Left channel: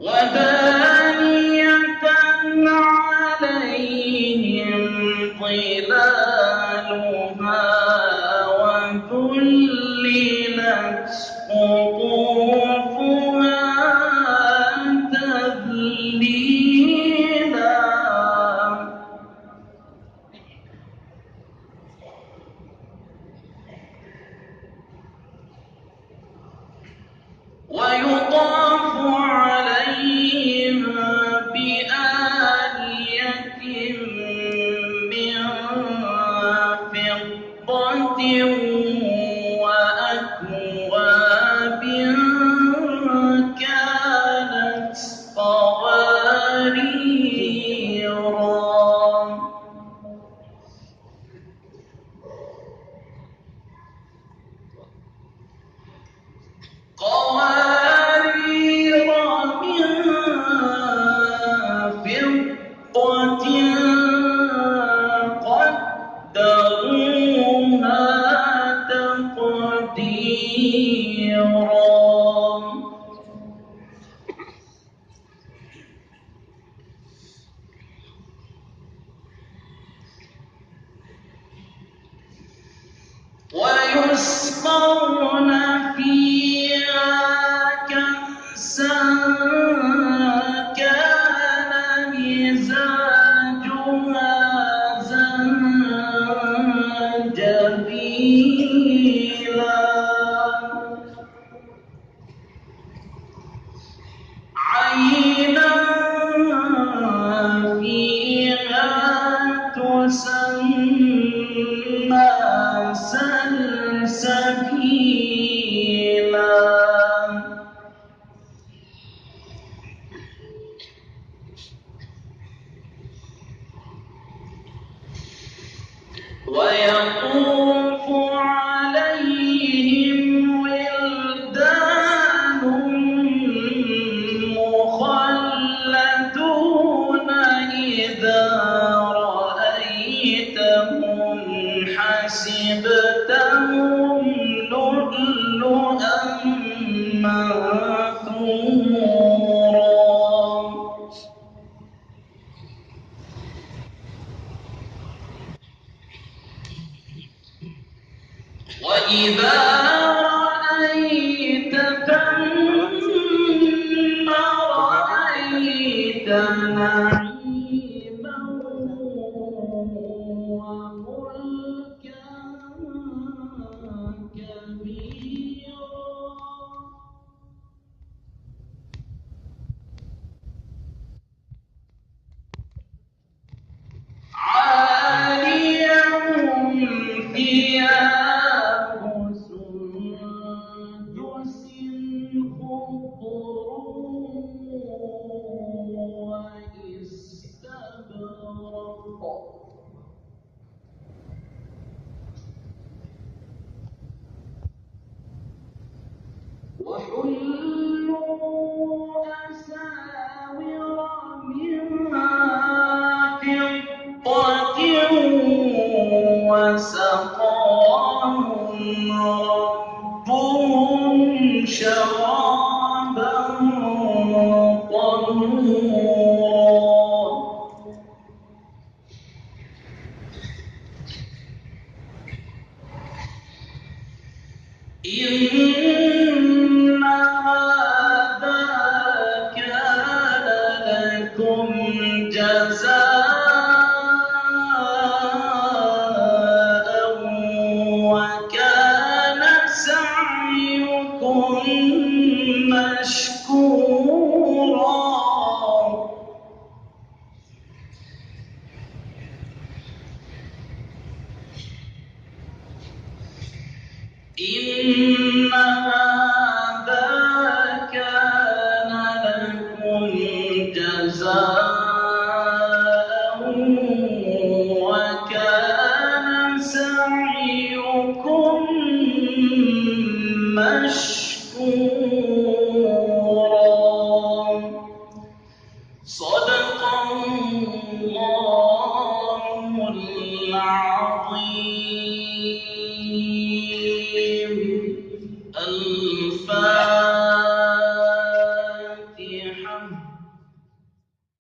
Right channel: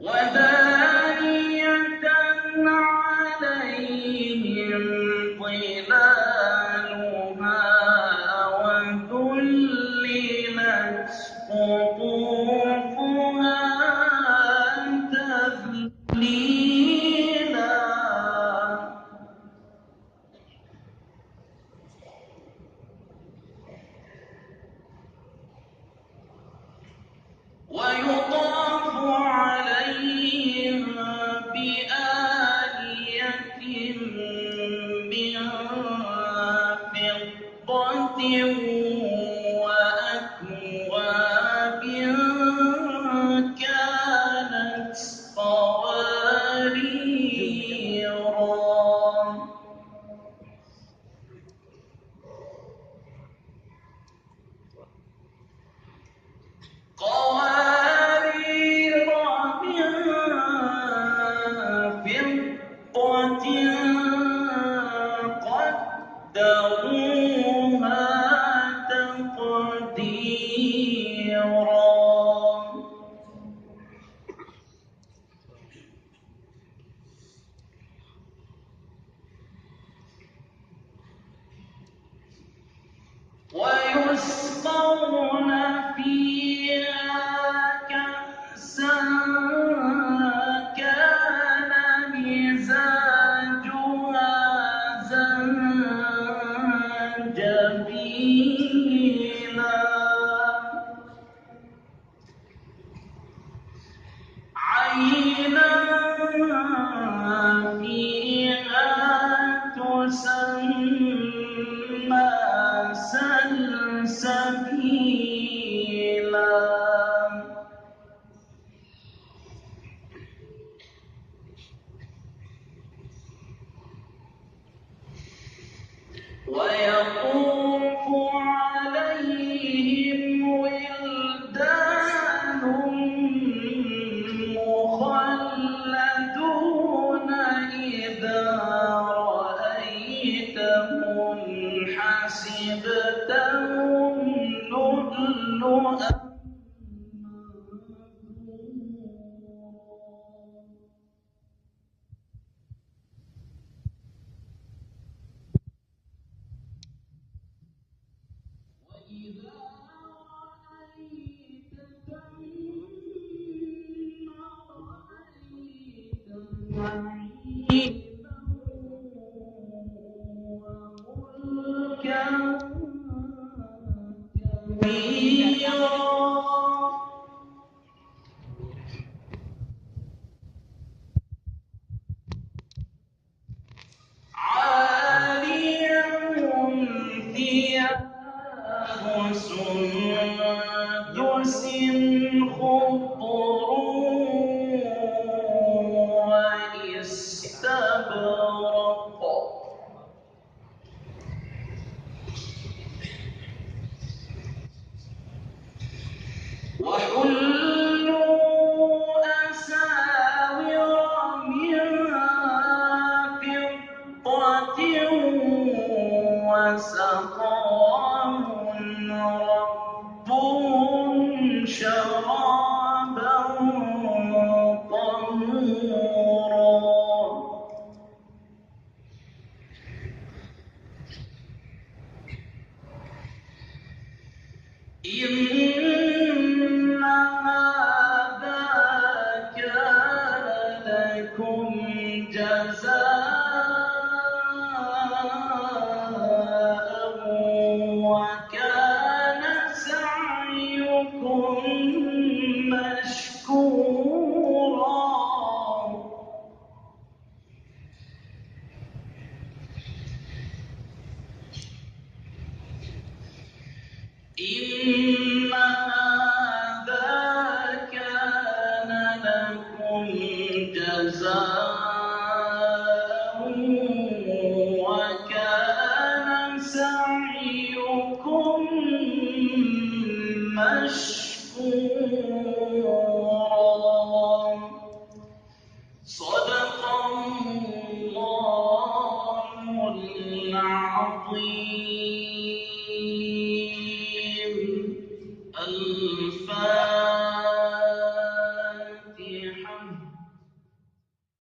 ودانية عليهم ظلالها وذللت قطوفها تذليلا. ويطاف عليهم بآنية من فضة وأكواب كانت قواريرا. قوارير من فضة قدروها تقديرا. ويسقون فيها كأسا كان مزاجها زنجبيلا. عينا فيها تسمى سلسبيلا. ويطوف عليهم ولدان مخلدون إذا رأيتهم حسبتهم لؤلؤا منثورا. وإذا رأيت ثم رأيت نعيما وملكا كبيرا. عاليهم ثياب سندس خضر واستبرق. وحلوا أساور من فضة وسقاهم ربهم شرابا طهورا. إن هذا كان لكم جزاء وكان سعيكم مشكورا. إن هذا كان لكم جزاء وكان سعيكم مشكورا. صدق الله العظيم.